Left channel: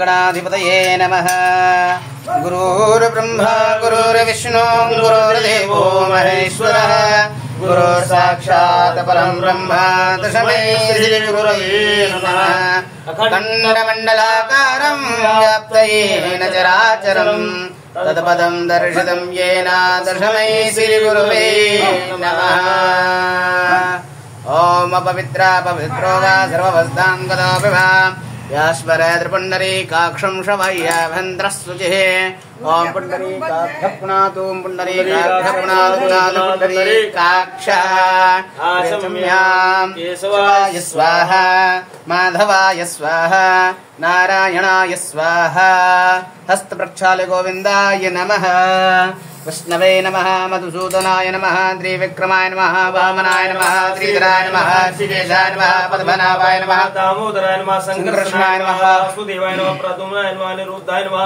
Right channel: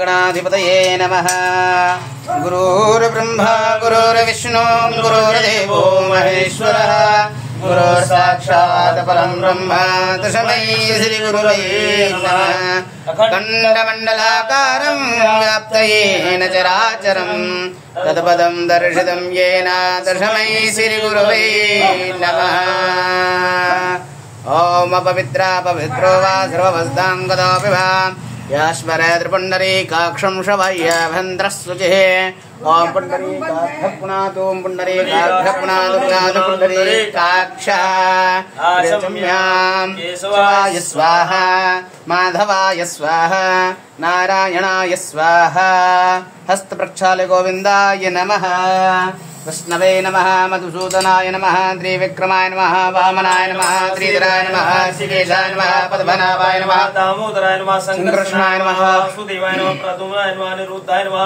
गणाधिपतये नमः। गुरुर्ब्रह्मा गुरुर्विष्णु गुरुर्देवो महेश्वरः गुरुर्साक्षात् परं ब्रह्म तस्मै श्रीगुरवे नमः। अखण्डमण्डलाकारं व्याप्तयेन चराचरं तत्पदं दर्शितं येन तस्मै श्रीगुरवे नमः। ओम अपवित्रा पवित्रो वा सर्ववस्तां गतोऽपि वा यास्परेन्द्रपुण्डरीकाक्षं शवय्याभन्द्रस्वचिः ओम पुण्डरीकाभ्यः पुनातु पुण्डरीकाभ्यः पुनातु पुण्डरीकाक्षः केशवाय स्वाहा माधवाय स्वाहा नारायणाय स्वाहा। हस्तप्रक्षाल्य गोविन्दाय नमः। विष्णवे नमः। मधुसूदनाय नमः। त्रिविक्रमाय नमः। वामनाय नमः। श्रीधराय नमः। श्रीकेशाय नमः। पद्मनाभाय नमः। दामोदराय नमः। संकृष्णाय नमः। वासुदेवाय नमः। प्रद्युम्नाय नमः। अनिरुद्धाय नमः।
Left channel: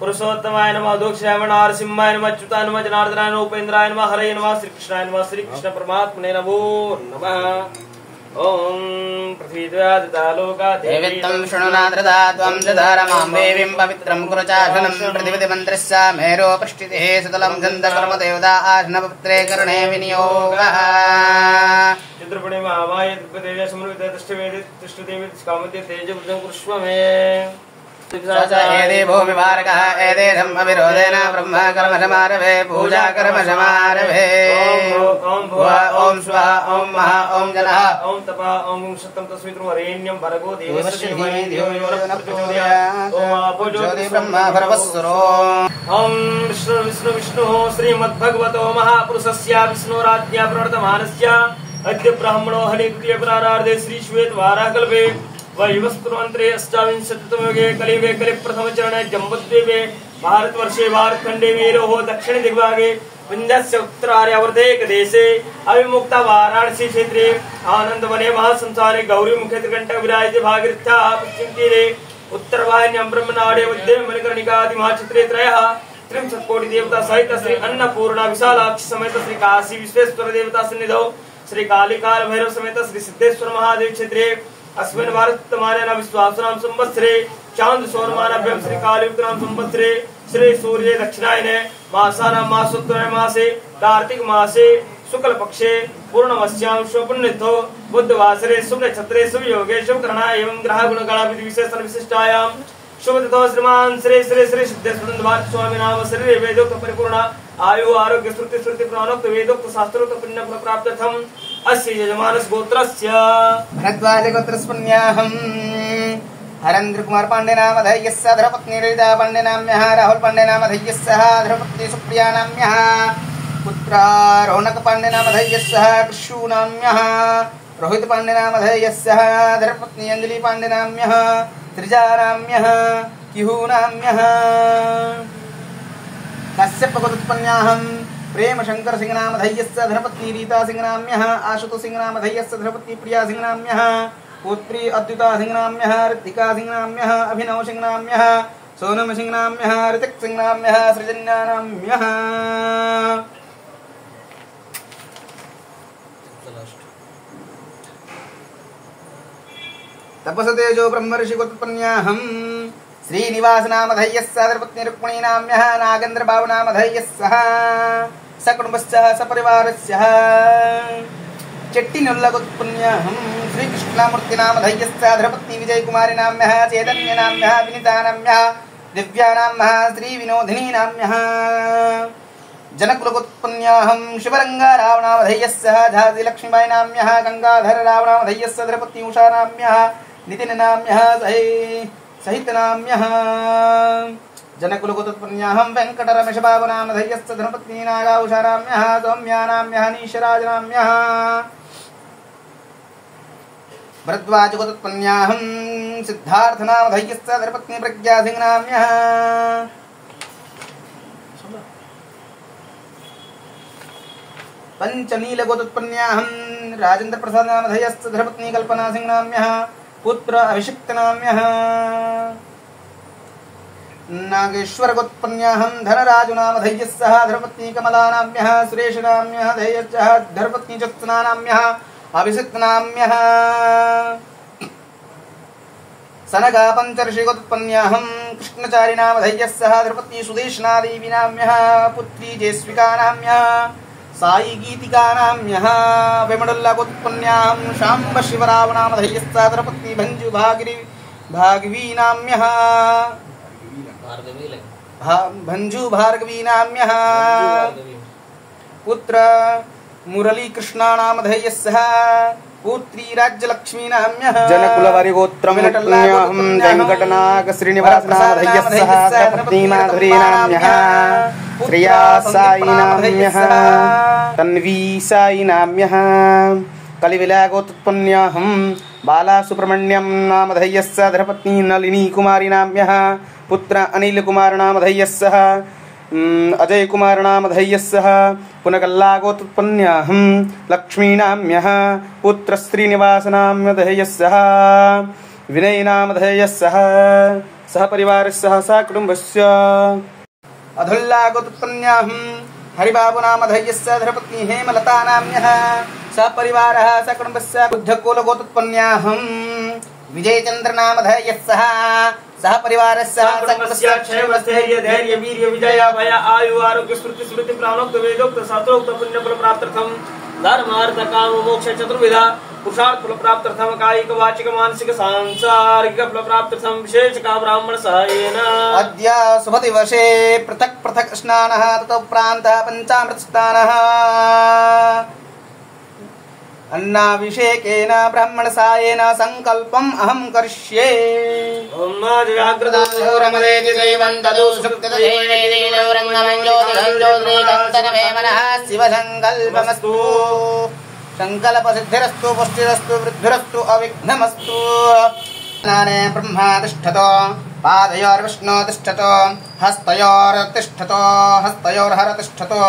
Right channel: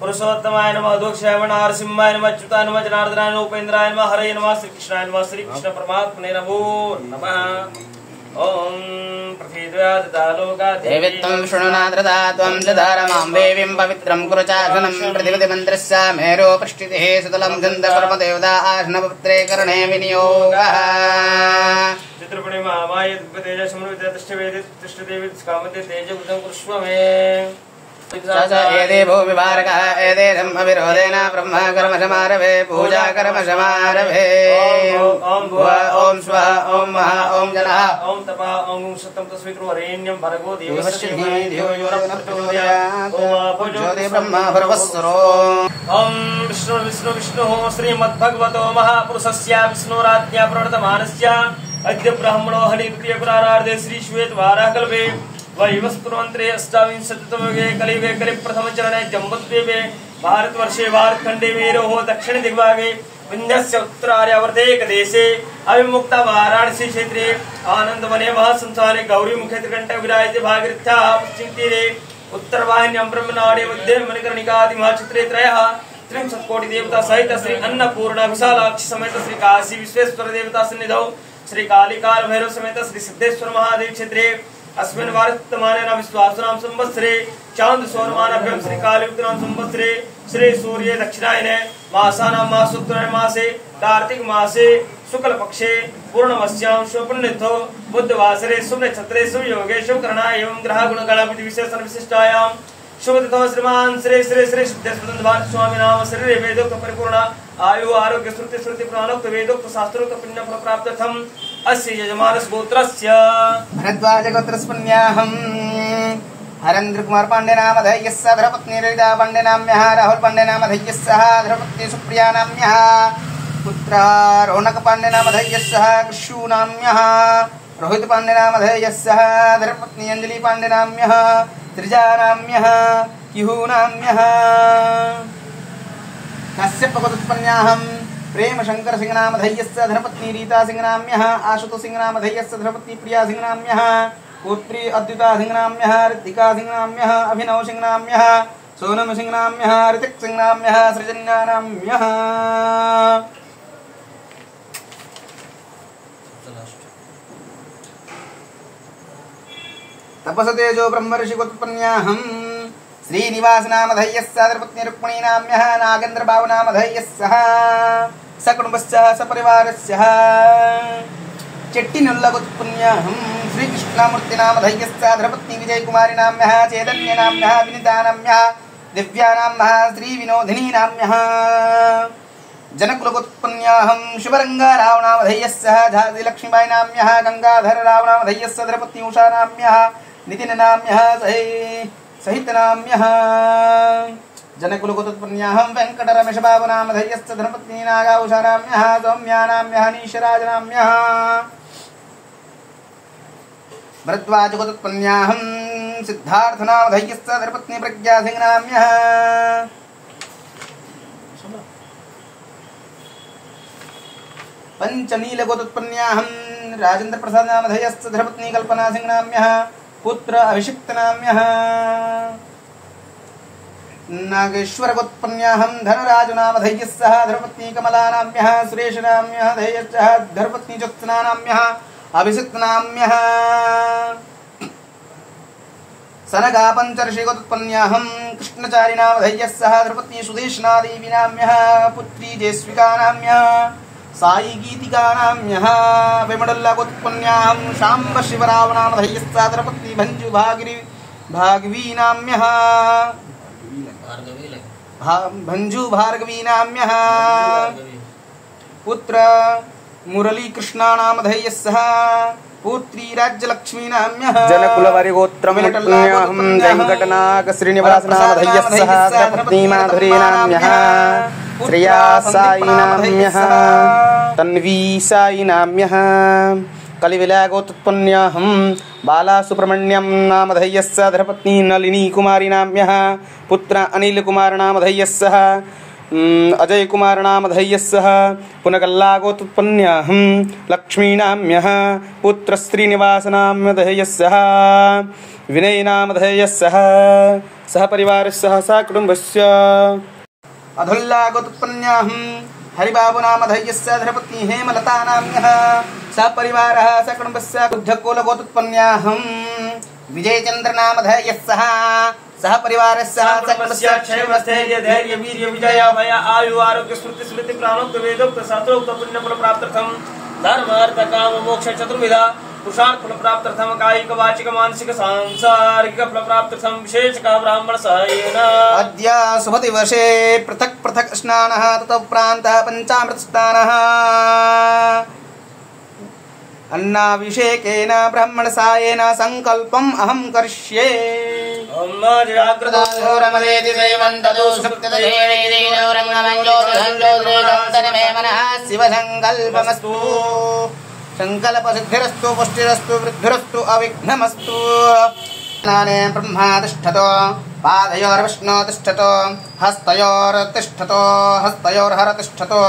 पुरुषोत्तमाय नमः। दोक्षाय नमः। नरसिंहाय नमः। अच्युताय नमः। जनार्दनाय नमः। उपेन्द्राय नमः। हरे नमः। श्रीकृष्णाय नमः। श्रीकृष्ण परमात्मने नमो नमः। ओम देवित्वं शृणुनाद्रदा त्वं दधारमां देवीं पवित्रं कुरु चाशनं प्रतिपदिमन्त्रस्य मेरो पृष्ठितिः सुतलं छन्दकर्म देवता आश्नपत्रे करणे विनियोगः। चित्रपणे महामाय तेज समृद्ध तिष्ठदेवी कामते तेज कुरुष्व मे। एदेवो विवारकः एदेशम् अविरोधेन ब्रह्म कर्म समारभे पूजा कर्म समारभे। ओम स्वः ओम महा ओम जनः ओम तपः ओम सत्यं तस्मिन् वरेण्यं भर्गो देवस्य धीमहि धियो यो न प्रचोदयात्। ओम आपो ज्योति ब्रह्म भर्वस्वरो। ओम विष्णु विष्णु विष्णु श्रीमद्भगवतो महापुरुषस्य विष्णुराज्ञा प्रणतमानस्य अद्य ब्राह्मणो हरिप्रिय प्रारार्धे श्री श्वेत वाराकल्पे वैवस्पुरमन्त्रे अष्टाविंशतितमे कलियुगे कलिप्रथमचरणे जम्बुद्वीपे भारतवर्षे भारतखण्डे मेरोः दक्षिण दिग्भागे विन्ध्यस्य उत्तरार्यावर्ते देशे अविमुक्ता वाराणसी क्षेत्रे आनन्दवने महासंसारे गौरीमुखे त्रिकण्टक विराजिते भागीरथ्याः पश्चिमतीरे उत्तरवाहिन्यां ब्रह्मनाडे मध्ये मणिकर्णिकादि महाक्षेत्रे त्रयः त्रिंशत्कोटि देवता सहित श्री अन्नपूर्णा विशालाक्षी समेत श्री काशी विश्वेश्वर देवता सन्निधौ श्री कालिकाल भैरव समेत श्री सिद्धेश्वर महादेव क्षेत्रे अस्मिन् वर्तमानेन विश्वासनाम संवत्सरे चांद सौरमानाभ्यां श्री कालयुक्तनाम संवत्सरे श्री सूर्ये दक्षिणायने मासानां मासोत्तरायण मासे कार्तिक मासे शुक्ल पक्षे पूर्णमस्यां शुभपुण्यतिथौ बुधवासरे शुभ नक्षत्रे शुभ योगे शुभ करणाय एवं ग्रह गुणगणाभिधि विशेषण विशिष्टायां शुभ तिथौ श्रीमान श्री श्री श्री सिद्धेश्वर स्वामी नाम शरीरे वेदोक्त परिपूर्णा आयु आरोग्य श्रुति श्रुति पुराणोक्त वेदोक्त शास्त्रोक्त पुण्य फल प्राप्त्यर्थम अस्य यजमानस्य गोत्रस्य भरद्वाज गोत्रस्पन्याहम् हरेन्द्र कुमार पांडे नाम धैर्यस्य धर्मपत्नी ललिता पांडे नाम्यः राहुल पांडे नाम धैर्यस्य धर्मपत्नी सुप्रिया नाम्यः पुत्र रौनक पांडे नाम धैर्यस्य कृषु नाम्यः रोहित पांडे नाम धैर्यस्य धर्मपत्नी अंजलि पांडे नाम्यः त्रिजा नाम्यः किहु नाम्यः कश्यप गोत्रोत्पन्नाहम् प्रेम शंकर सिंह नाम धैर्यस्य धर्मपत्नी रीता सिंह नाम्यः आशुतोष सिंह नाम धैर्यस्य धर्मपत्नी प्रिया सिंह नाम्यः पुत्री अद्विता सिंह नाम्यः ऋतिका सिंह नाम्यः अभिनव सिंह नाम्यः सोनम सिंह नाम्यः ऋतिक सिंह नाम्यः सृजन्या नाम्यः। तपसतेजो ब्रह्मर्षि गोत्रोत्पन्नाहम् श्रीनिवास नाम धैर्यस्य धर्मपत्नी रुक्मिणी नाम्यः नागेन्द्र बाबू नाम धैर्यस्य सकुटुम्बस्य सपरिवारस्य चेट्टिनुल्ल गोत्रोत्पन्नाहम् श्रीकृष्णमूर्ति नाम धैर्यस्य धर्मपत्नी विजयकुमारी नाम्यः चैतन्य नाम्यः विनीता नाम्यः दिव्या नाम्यः श्रीविनोदिनी नाम्यः जनकुल गोत्रोत्पन्नाहम् शिवरंगा राव नाम धैर्यस्य झांसी लक्ष्मीबाई नाम्यः गंगाधर राव नाम धैर्यस्य धर्मपत्नी उषा नाम्यः नितिन नाम्यः सहित नाम्यः जनकुल गोत्रोत्पन्नाहम् वेंकट रमेश बाबू नाम धैर्यस्य धर्मपत्नी नागा उषा नाम्यः सौम्या नाम्यः नीशराज नाम्यः भरद्वाज गोत्रोत्पन्नाहम् सिद्धार्थ नाम धैर्यस्य धर्मपत्नी प्रज्ञा सिंह नाम्यः पंचनील गोत्रोत्पन्नाहम् राजेंद्र प्रसाद नाम धैर्यस्य धर्मपत्नी कल्पना सिंह नाम्यः पुत्र अभिषिक्त नाम्यः नागेश्वरगोत्पन्याहं धनराजुनामधेयः सह धर्मपत्नी कमलानाम्यः सुरेशनाम्यः धैर्यश्चः धर्मपत्नी ज्योत्सनानाम्यः अभिषिक्तनाम्यः सनगा पंचर्षिगोत्पन्याहं कृष्णचारिनामधेयः सह धर्मपत्नी सुदेशनादेवीनाम्यः पुत्री जयस्विकानाम्यः साई गीतिकानाम्यः विमडुल्लागोत्पन्याहं शाम्ब शिवरावनामधेयः सह धर्मपत्नी भंजु भागवीनाम्यः भंजु भार्गवीनाम्यः पुत्र मुरलीकृष्णानामधेयः सह पुत्री राज्यलक्ष्मीनाम्यः जनकुलवरिगोत्रमनुपुण्याहं वेङ्कटनाग श्रीनिवासनामधेयः सह धर्मपत्नी माधुरीनाम्यः श्रिया साईनाम्यः तन्वी साईनाम्यः कलिविलागोत्पन्याहं बालासुब्रह्मण्यं नामधेयः सह धर्मपत्नी नलिनी कुमारीनाम्यः पुत्र अनिलकुमारनामधेयः सह अजय कुमारनामधेयः सह पुनकल्लागोत्पन्याहं लक्ष्मीनाम्यः पुत्र श्रीनिवासनामधेयः सह विनयनामधेयः सह सह परिवारस्य सह कुटुम्बस्य अधुल्लागोत्पन्याहं हरिबाबुनामधेयः सह धर्मपत्नी हेमलतानाम्यः सह परिवारः सह कुटुम्बस्य बुद्धकुलगोत्पन्याहं विजयचन्द्रनामधेयः सह सह परिवारस्य कुटुम्बस्य क्षेमस्थैर्य धैर्य वीर्य विजय भय आयु आरोग्य स्मृति स्मृति प्राणोक्त वेदोक्त शास्त्रोक्त पुण्य फल प्राप्त्यर्थम धर्म अर्थ काम मोक्ष चतुर्विधा पुरुषार्थ फल प्राप्त्यर्थम कायिक वाचिक मानसिक सांसारिक फल प्राप्त्यर्थम विशेष का ब्राह्मण सहायेन अद्य सुमति वर्षे पृथक पृथक स्नानः ततो प्रान्तः पंचामृत स्नानः अन्नाभिषेकेन ब्राह्मणसायेन संकल्पम् अहं करिष्ये ओम जाग्रतो रमदेति दैवं तदु सुप्तदेवेति रमणमङ्गलोरञ्जोरेकन्तरमे मनः शिवसङ्कल्पमस्तु संकल्पसिद्धिरस्तु पुष्टिरस्तु वृद्धिरस्तु अविघ्नमस्तु स्नाने ब्रह्मा तिष्ठतो पादयोर्विष्णु तिष्ठतो हस्तयोर्तिष्ठतो हस्तयोर्हर तिष्ठतो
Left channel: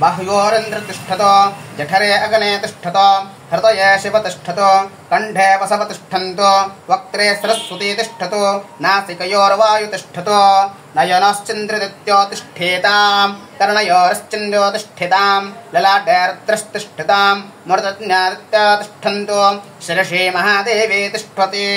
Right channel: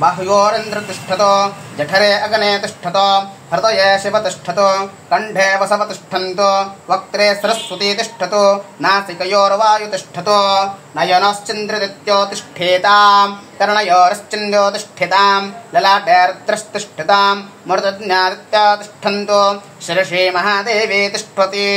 बाह्योरिन्द्र तिष्ठतो जठरे अग्ने तिष्ठतो हृदये शिव तिष्ठतो कण्ठे वसव तिष्ठन्तो वक्त्रे सरस्वती तिष्ठतो नासिकयोर्वायु तिष्ठतो नयनश्चन्द्रदित्यो तिष्ठेताम् कर्णयोरश्चन्द्रो तिष्ठेताम् ललाटे रुद्रस्तिष्ठताम् मरुतज्ञादित्या तिष्ठन्तो शिरसि महादेवी तिष्ठति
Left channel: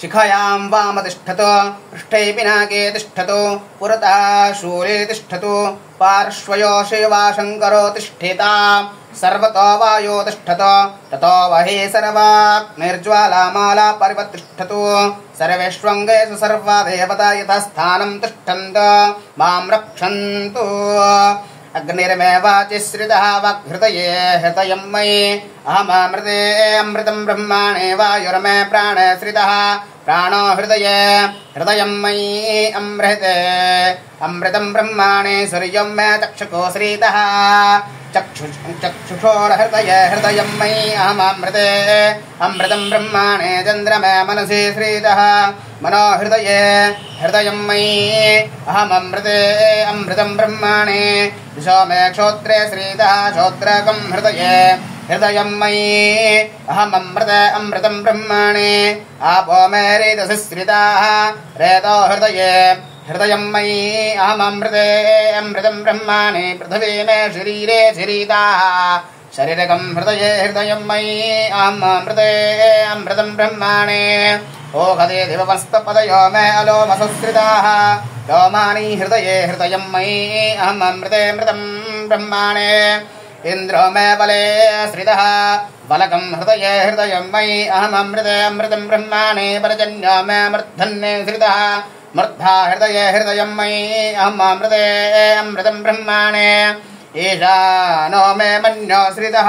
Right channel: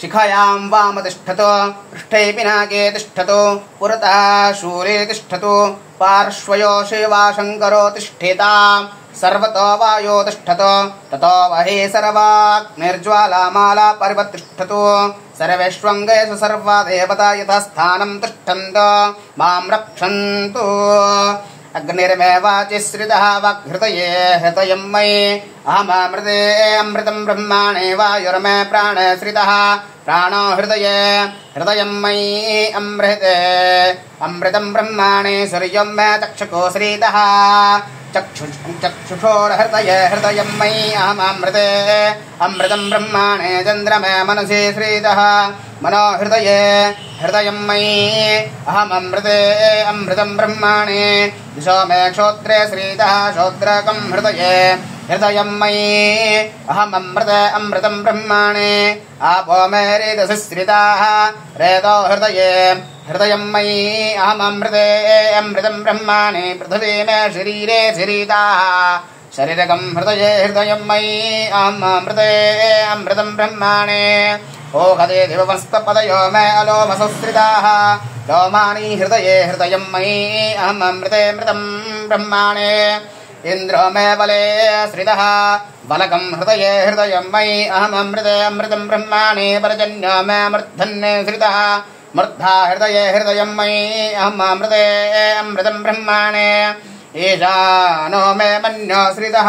शिखायां वाम तिष्ठतो पृष्ठे पिनाके तिष्ठतो पुरतः शूले तिष्ठतो पार्श्वयो शिवा शङ्करो तिष्ठेताम् सर्वतो वायो तिष्ठतो ततो वहे सर्वाग्निर्ज्वालामाला परिवतिष्ठतो सर्वेष्वङ्गेषु सर्वा देवता यथा स्थानं तिष्ठन्तो मां रक्षन्तु अग्निर्मे वाचि श्रितः वाग्हृदये हृदयं मयि अहममृते अमृतं ब्रह्माणे वायुर्मे प्राणे श्रितः प्राणो हृदये हृदयं मयि अमृते अमृतं ब्रह्माणे सूर्यं मे चक्षुको श्रितः चक्षुषोर्हृदये हृदयं मयि अहममृते अमृतं ब्रह्माणे चन्द्रमे मनसि श्रितः मनो हृदये हृदयं मयि अहममृते अमृतं ब्रह्माणे दिशो मे क्षोत्रे श्रितः श्रोत्रकं हृदये हृदयं मयि अहममृते अमृतं ब्रह्माणे आपो मे रेतसि श्रिताः रेतो हृदये हृदयं मयि अहममृते अमृतं ब्रह्माणे पृथिवी मे शरीरे श्रिताः शरीरकं हृदये हृदयं मयि अहममृते अमृतं ब्रह्माणे ओघदे दिवमस्तपदयो मे अलोमसुश्रिताः लोमानि हृदये हृदयं मयि अहममृते मृतं ब्रह्माणे इन्द्रो मे बले श्रितः बलकं हृदये हृदयं मयि अहममृते अमृतं ब्रह्माणे पर्जन्यो मे मूर्धन्ये श्रितः मूर्धा हृदये हृदयं मयि अहममृते अमृतं ब्रह्माणे ईशानो मे मन्यो श्रितः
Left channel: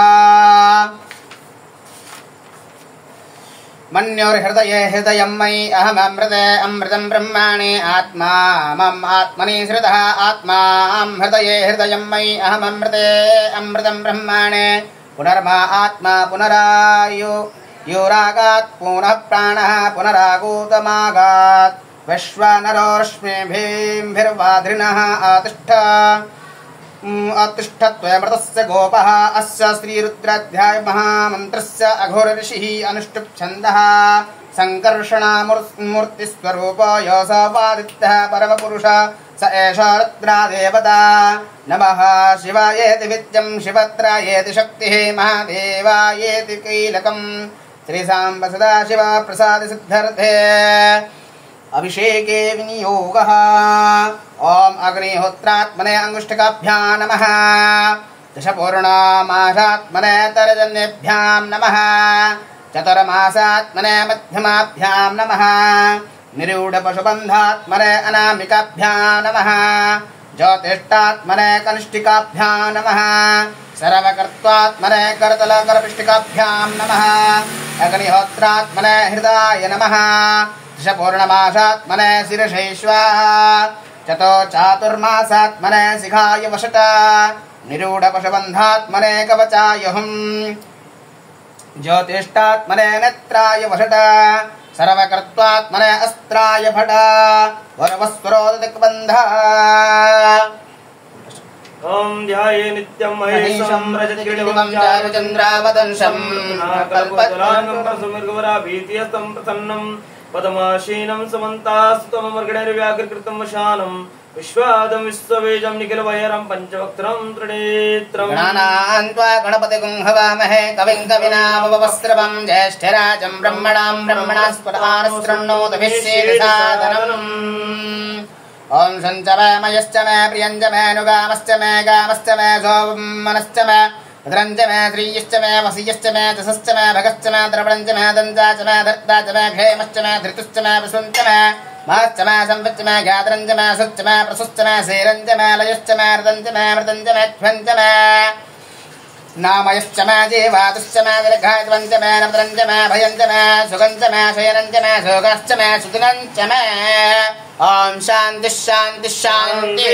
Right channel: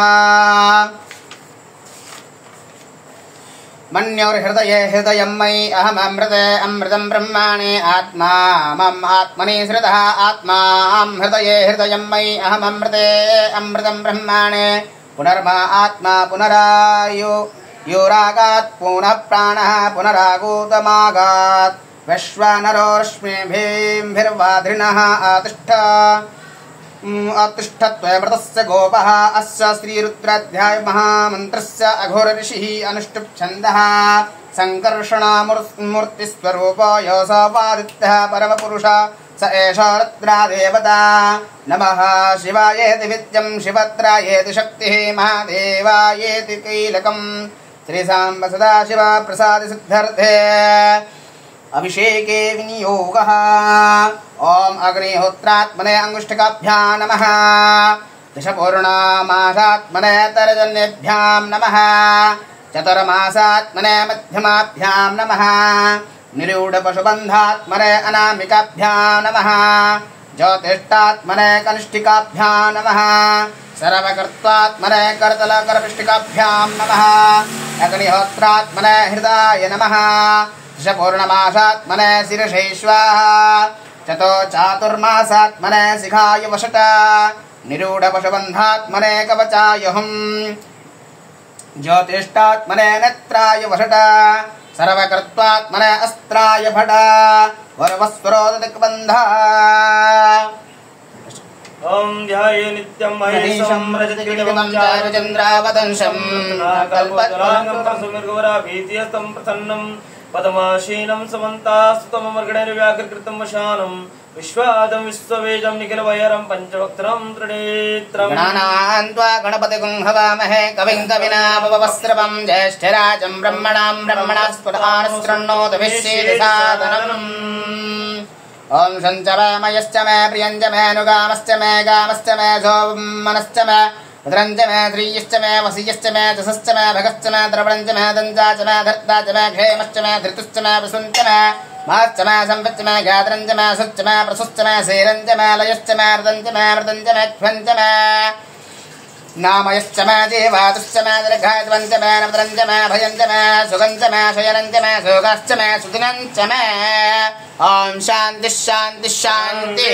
मन्योर्हृदये हृदयं मयि अहममृते अमृतं ब्रह्माणे आत्मा मम आत्मनि श्रितः आत्मा हृदये हृदयं मयि अहममृते अमृतं ब्रह्माणे पुनर्मा आत्मा पुनरायु योरागात् पुनः प्राणः पुनरागूतमागात् विश्वानरो रश्मिभिर्वाध्रिनः आतिष्ठ अतिष्ठत्वमृतस्य गोपः अस्य श्रीरुद्राध्याय महामन्त्रस्य अघोरऋषिः अनुष्टुप्छन्दः सङ्कर्षणामूर्तिस्वरूप योऽसोपादित्यः परमपुरुष स एष रुद्रादेवता नमः शिवायेति विद्यं शिवत्रायेति शक्तिः महादेवायेति कीलकम् श्रीसाम्ब सदाशिव प्रसादसिद्धर्थे अभिषेके विनियोगः ओम अग्निहोत्रात्मने अंगुष्ठकाभ्यां नमः दशपूर्णामासात्मने तर्जन्येभ्यां नमः चतुर्मासात्मने मध्यमाभ्यां नमः निरूढपशुबन्धात्मने अनामिकाभ्यां नमः ज्योतिष्ठात्मने कनिष्ठिकाभ्यां नमः सर्वकर्त्वात्मने करतलकरपिष्टिकाभ्यां नमः अग्निहोत्रात्मने हृदाय नमः दशपूर्णमासात्मने शिरशैश्वाः चतो चातुर्मासात्मने शिखाय वषट निरूढपशुबन्धात्मने कवचाय हुम् ज्योतिष्ठात्मने नेत्राय वषट सर्वकर्त्वात्मने अस्त्राय भट वरवस्वरोदिक्बन्धः ओम ध्याये नित्यं महेशं रजतकिरीटं चारुचन्द्रावदंशं कल्पतरुणं प्रसन्नं पद्माशीनं समन्तास्तुतमर्गणैर्व्याकृतं वशानं विश्वादं विश्ववेदं निखिलवैरं पञ्चवक्त्रं त्रिनेत्रं गणानान्त्वा गणपतिगुं हवामहे कविं कविनामवस्त्रवं ज्येष्ठराजं ब्रह्मणां ब्रह्मणास्पदानश्रृण्वोतभिश्चेदसादनम् ओम शञ्च मे मयश्च मे प्रियञ्च मे नुगामश्च मे गामश्च मे सोमनश्च मे भद्रञ्च मे श्रीयश्च मे वसीयश्च मे दशश्च मे भगश्च मे द्रवणञ्च मे दञ्चा च मे धर्ता च मे क्षेमश्च मे धृतश्च मे वसुञ्च मे महश्च मे संवच्च मे ज्ञातरञ्च मे सुच्च मे प्रसुश्च मे शेरञ्च मे लयश्च मे मृदञ्च मे ख्वञ्च मे नामयश्च मे जीवातुश्च मे दीर्घायुवञ्च मे नवद्रञ्च मे भयञ्च मे सुगञ्च मे शयनञ्च मे सुगश्च मे सुदिनञ्च मे ओम शांति शांति शांति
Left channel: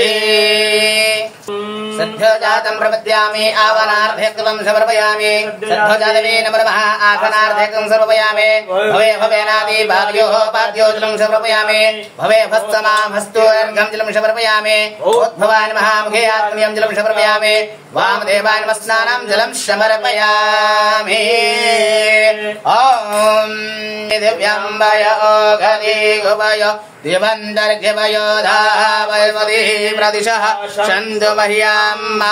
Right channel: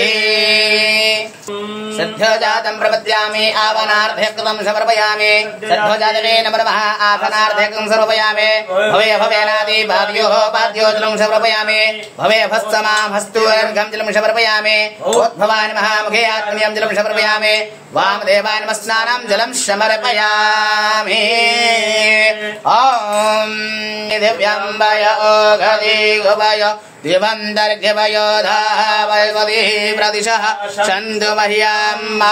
सद्योजातं प्रपद्यामि आवनार्धेक्तं समर्पयामि सद्योजातमे नमः आसनार्धेक्तं समर्पयामि भवे भवेनादि भाग्योः पाद्योजनं समर्पयामि भवे भस्समाभस्तु अर्घं जलं समर्पयामि उद्भवाय नमः मुखे आत्म्यं जलं समर्पयामि वामदेवाय नमः स्नानं जलं समर्पयामि ओम दिव्यंबय ओघनि गुभय दिवन्दर्घ्यवयोधाः वैवदिः प्रदिशः छन्दो मह्यम्मा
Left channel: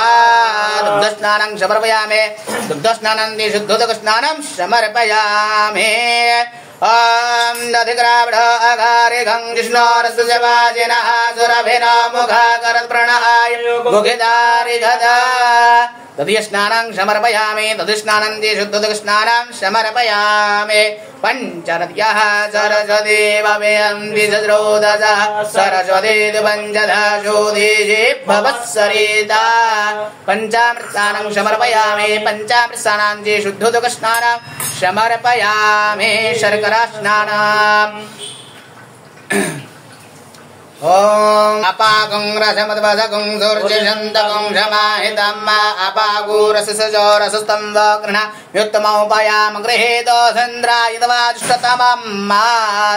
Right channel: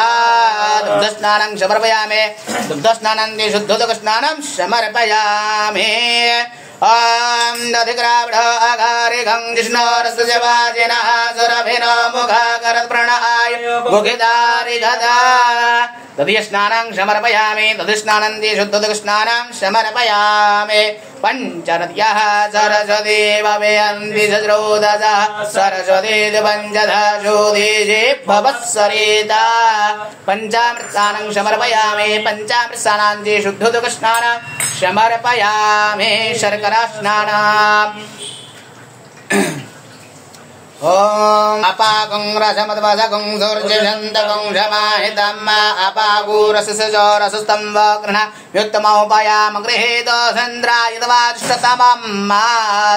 दुग्धस्नानं समर्पयामि दुग्धस्नानन्ति शुद्धोदकस्नानं समर्पयामि ॐ दधिग्रावढ अघारिघं जिष्णोरसजवाजिनः सुरभिनो मुखाकरत्प्रणहाय मुखिदारिघदा दधिस्नानं समर्पयामि दधिस्नानन्ति शुद्धोदकस्नानं समर्पयामि पञ्चनद्यः सरस्वती भवेयं द्विजद्रोदशः सरस्वती पञ्चदशोदीजे भवत्सरिता पञ्चामृतस्नानं समर्पयामि पञ्चामृतस्नानान्ति शुद्धोदकस्नानं समर्पयामि शर्करास्नानम् ओम अपागं रसमद्वसगं सूर्यशन्तगं समाहितं अपागुरससजो रसस्तम्भ गृह्ण युक्तमोपयाम गृहीतो सन्द्रायितवाष्टतमं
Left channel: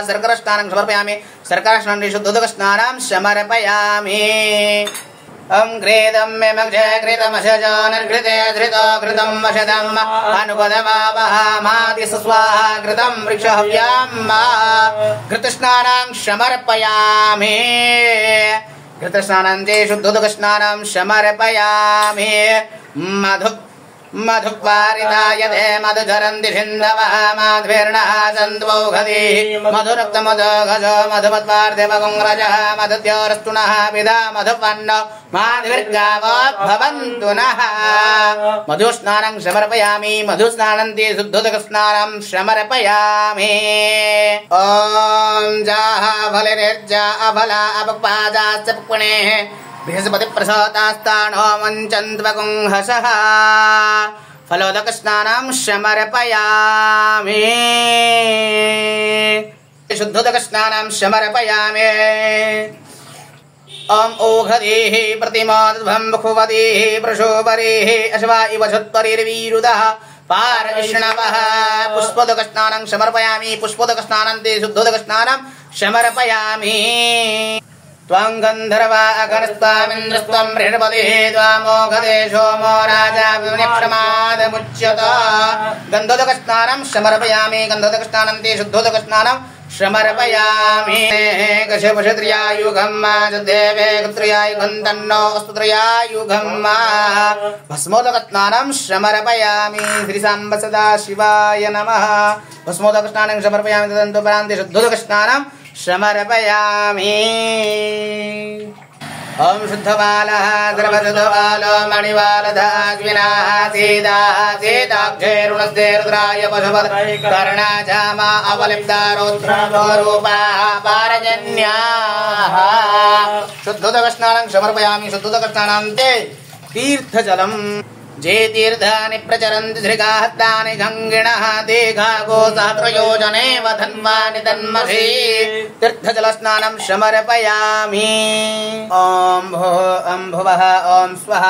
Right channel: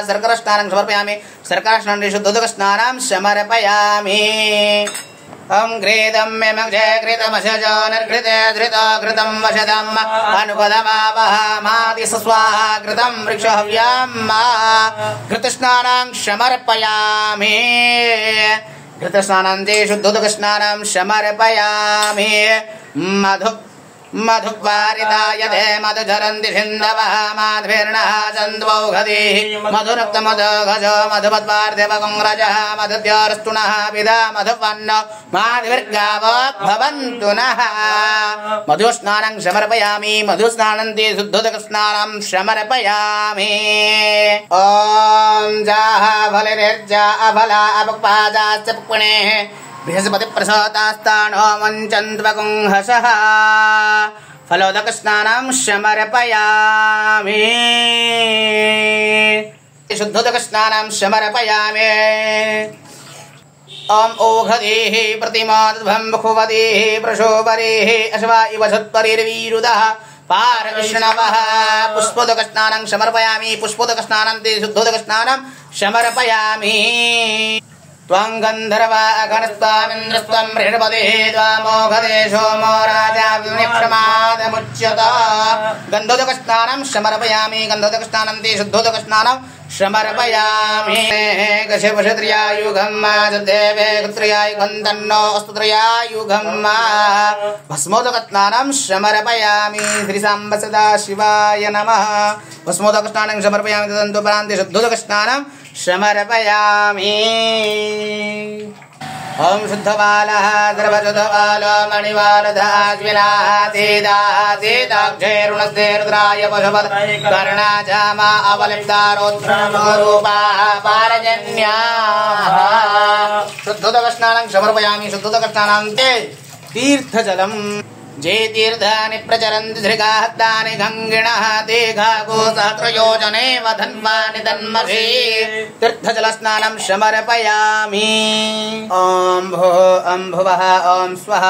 शर्करास्नानं समर्पयामि शर्करास्नानं शुद्धोदकस्नानं समर्पयामि ओम घृतं मे मक्षे घृतमशजो निर्घृते धृतो घृतं वशदम् अनुपदमावहमादि स्वाहा घृतं वृक्षहव्याम् घृतस्नानं समर्पयामि घृतस्नानं शुद्धोदकस्नानं समर्पयामि मधुपारितायते मधुधरन्ति सिन्धवः माध्वीर्णः सन्त्वौघदीः मधुरक्तमधुघज मधुमत्पार्थिवगुंरजः मधुद्योरस्तुनः विदा मधुपन्नो माध्वीर्गावोद्भवन्तु नः मधुस्नानं समर्पयामि मधुस्नानन्ति शुद्धोदकस्नानं समर्पयामि ॐ जाः फलिर्जा अफला अपक्वादाश्च पुक्पणेः बृहस्पति प्रसोतास्तानो मञ्चन्त्वगुंहसः फलोदकस्नानं समर्पयामि शुद्धोदकस्नानं समर्पयामि ओम ओघदीः प्रतिमाद्भं बखुवदीः प्रशोभरीः अश्वा इव झुत्परिर्वीरुदः पारविष्णवः पुष्पोदकस्नानं समर्पयामि पुष्पोदकस्नानं ते शुद्धोदकस्नानं समर्पयामि त्वं गन्धर्वा अगनस्त्वामिन्द्रस्त्वं बृहस्पतिः त्वामोघदेशो मो राजा विनिप्रमादमुच्यत गन्धोदकस्नानं समर्पयामि गन्धोदकस्नानं ते शुद्धोदकस्नानं समर्पयामि कश्यपशत्रियायुगं देवे क्षत्रियायुगं तन्नो अस्तुत्रियायुगं भस्मोदकस्नानं समर्पयामि श्रीसाम्ब सदा शिवाय नमः भस्मोदकस्नानं समर्पयामि तदन्तोपरान्ते शुद्धोदकस्नानं समर्पयामि ओम शुद्धबालः गर्भशुद्धबालो मणिवालधाग्विनाः सीताक्षेरुणस्ते रुद्राय पशुपत कर्णाजामा अवलिप्तारोत्थमरूपाः पारजन्याः शुद्धोदकस्नानं समर्पयामि शुद्धोदकस्नानान्ते तीर्थजलम् जे तीर्थानि प्रचरन्ति श्रीकाहत्तानि गङ्गिणः ते घागोसात्रयोजने वधन्वानि तन्मभि तीर्थजलस्नानं समर्पयामि ॐ भो अम्भुवः ॐ स्वः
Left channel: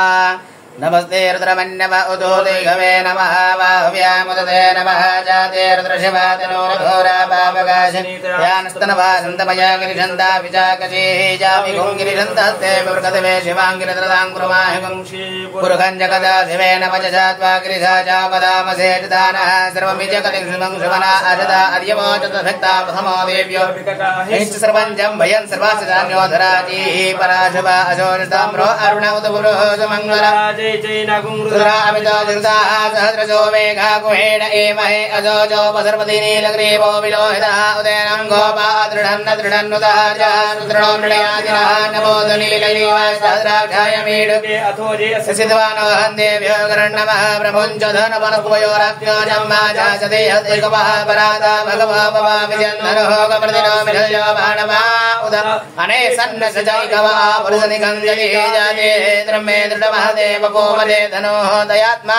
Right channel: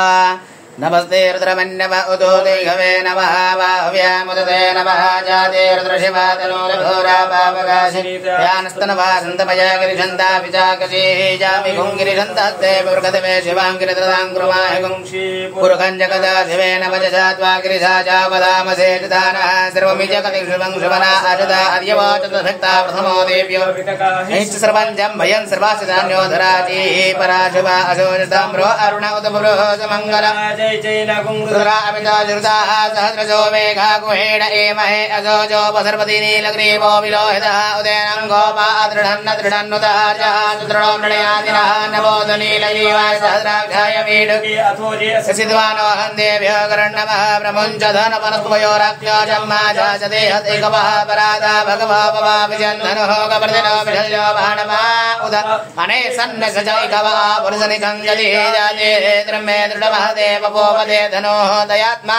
नमस्ते रुद्रमन्यव उदोदिघवे नमः वाह्व्यामुदते नमः जाते रुद्रशिवातनोरघोरापावकाशियानस्तनवासन्तमया गिरिशन्ता विचाकशीः जामि गुङ्गिरिशन्तस्ते पुर्गतवे शिवाङ्गिरिदृताङ्कुरमाहि पुरुखञ्जगदा शिवेन वजसा त्वा गिरिशा चावदामसे चिदानः सर्वमिजकटिशुभं शुभना अजदा अर्यवोचतभक्ता प्रथमो देव्यो निश्च सर्वञ्जं भयन् सर्वासिधान्योधराजीः पराशवा अशोचताम्रो अरुण उदपुरो सुमङ्गल जय जय नागुंगुरामिताजृताः सहस्रजो मेघा गुहेण एमहे अजोजो वसर्पति नीलग्रीवो विलोहितः उदयनं गोपा दृढन्न दृढन्नुतः च दृढो नृणयाजिनः नमोद नीलजीवाय सहस्राक्षाय मीढुके अथोजे सिद्धानो हन्देभ्यो गरण्णमः प्रमुञ्च धनवनकुवयोराख्यो जम्माजा च देहदेकवः परादा भगवा पवा विजन्धनो कप्रदिनो विधल्यो भाणवा उद अने सन्न सजैकवः पुरुषनिकं जति जाते द्रमे दृढमः देव गोमदे धनो दयात्मा